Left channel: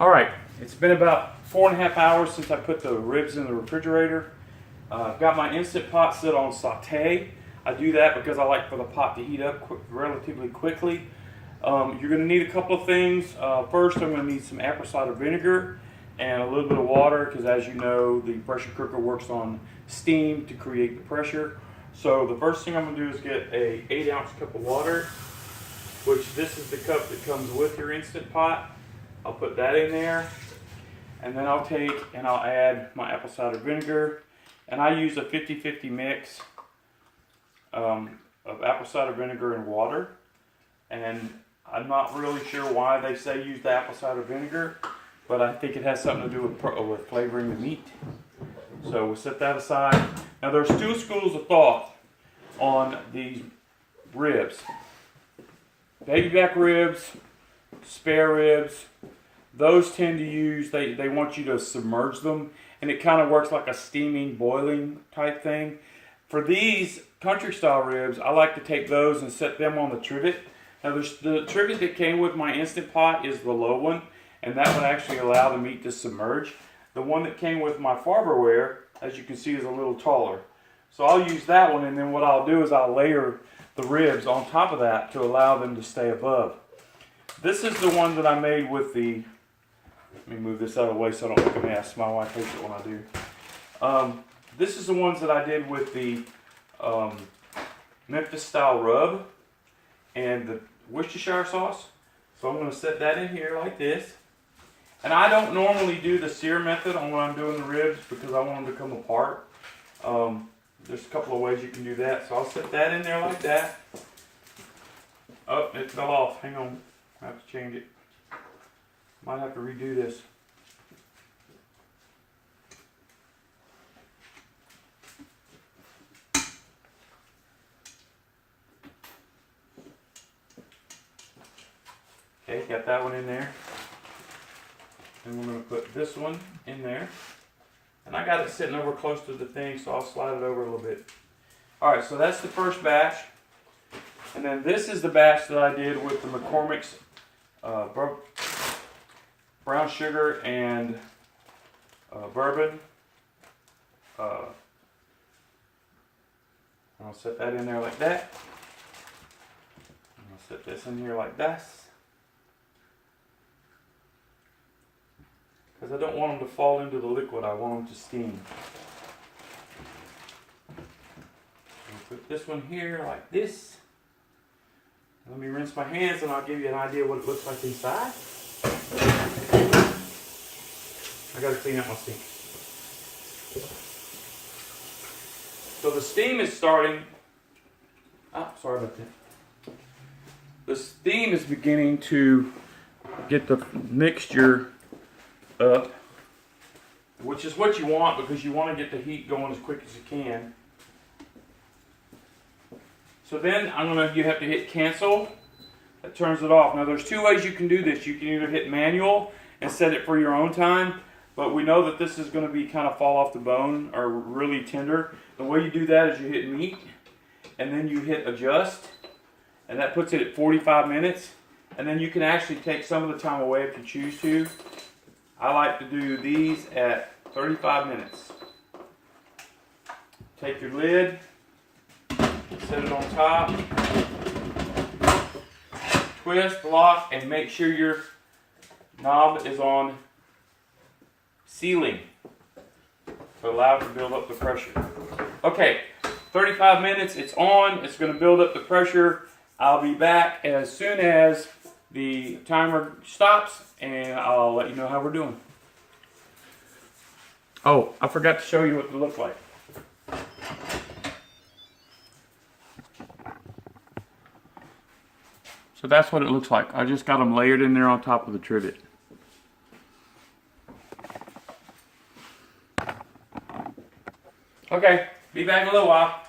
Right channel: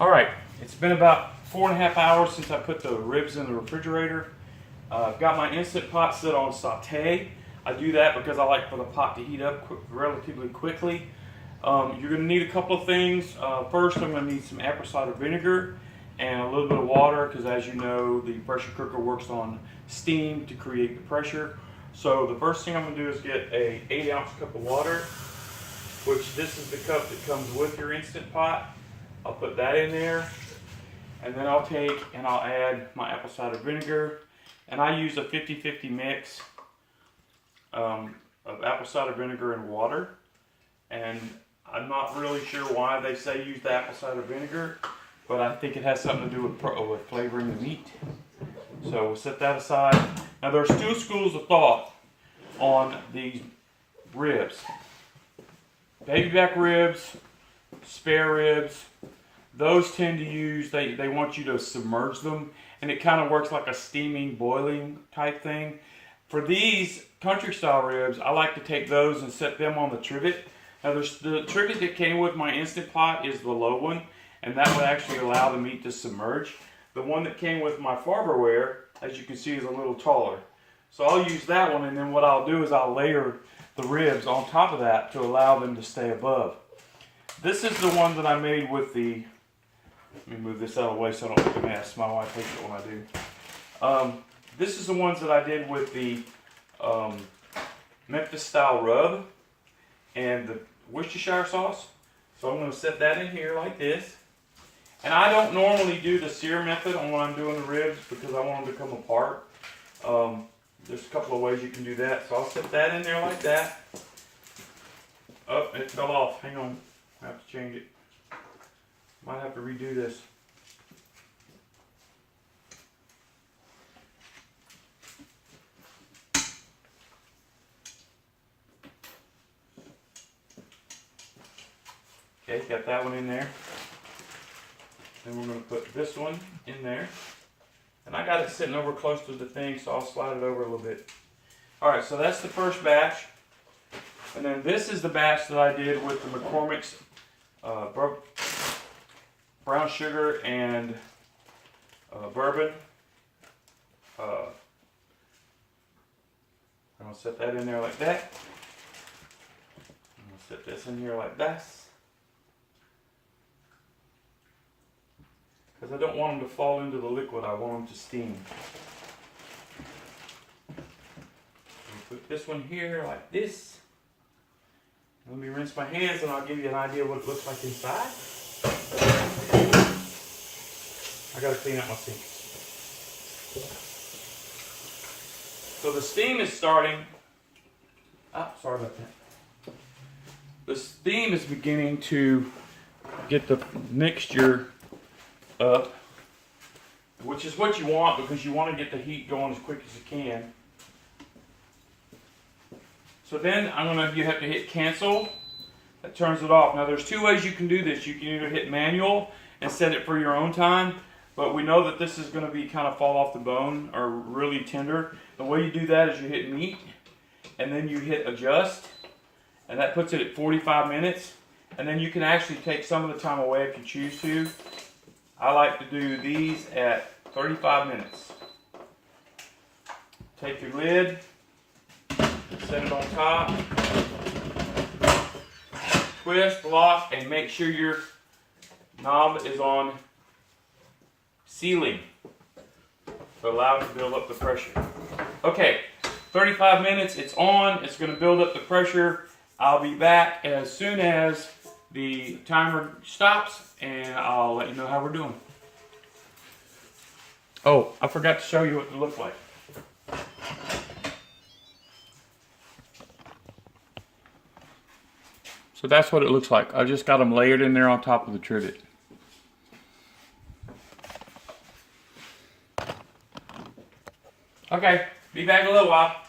All right, it's been about 4.5 hours since I put the ribs in the refrigerator. I've got my Instant Pot set on saute. I do that because I like for the pot to heat up relatively quickly. You're going to need a couple of things. First, I'm going to need some apple cider vinegar and a little bit of water because, as you know, the pressure cooker works on steam to create the pressure. So the first thing I'm going to do is get a 8-ounce cup of water, which this is the cup that comes with your Instant Pot. I'll put that in there, and then I'll take and I'll add my apple cider vinegar, and I use a 50-50 mix of apple cider vinegar and water. And I'm not really sure why they say use the apple cider vinegar, but I think it has something to do with flavoring the meat. So we'll set that aside. Now there's two schools of thought on these ribs. Baby back ribs, spare ribs, those tend to use, they want you to submerge them, and it kind of works like a steaming, boiling type thing. For these country style ribs, I like to take those and set them on the trivet. Now the trivet that came with my Instant Pot is the low one, and that would actually allow the meat to submerge. The one that came with my Farberware, as you can see, is a little taller. So I'll use that one, and then what I'll do is I'll layer the ribs on top of that to allow them to stay above. This is the one that I made with the, let me move this out of the way so I don't make a mess. My wife hates it when I do. This is the ones that I did with the Memphis style rub and the Worcestershire sauce. So I'm going to set that in here like this. And I don't normally do the sear method on when I'm doing the ribs because I want them to come apart. There's a couple of ways you can do that. So I'll set that in there like that. Oh, it fell off. Hang on. I have to change it. Might have to redo this. Okay, got that one in there. Then we're going to put this one in there. And I got it sitting over close to the thing, so I'll slide it over a little bit. Alright, so that's the first batch. And then this is the batch that I did with the McCormick's brown sugar and bourbon. I'm going to set that in there like that. I'm going to set this in here like this. Because I don't want them to fall into the liquid, I want them to steam. I'll put this one here like this. Let me rinse my hands and I'll give you an idea what it looks like inside. I gotta clean out my sink. So the steam is starting. Sorry about that. The steam is beginning to get the mixture up, which is what you want because you want to get the heat going as quick as you can. So then you have to hit cancel. That turns it off. Now there's two ways you can do this. You can either hit manual and set it for your own time, but we know that this is going to be kind of fall off the bone or really tender. The way you do that is you hit meat and then you hit adjust, and that puts it at 45 minutes, and then you can actually take some of the time away if you choose to. I like to do these at 35 minutes. Take your lid, set it on top, twist, lock, and make sure your knob is on sealing to allow it to build up the pressure. Okay, 35 minutes, it's on, it's going to build up the pressure. I'll be back as soon as the timer stops, and I'll let you know how we're doing. Oh, I forgot to show you what it looks like. So that's what it looks like. I just got them layered in there on top of the trivet. Okay, be back in a little while.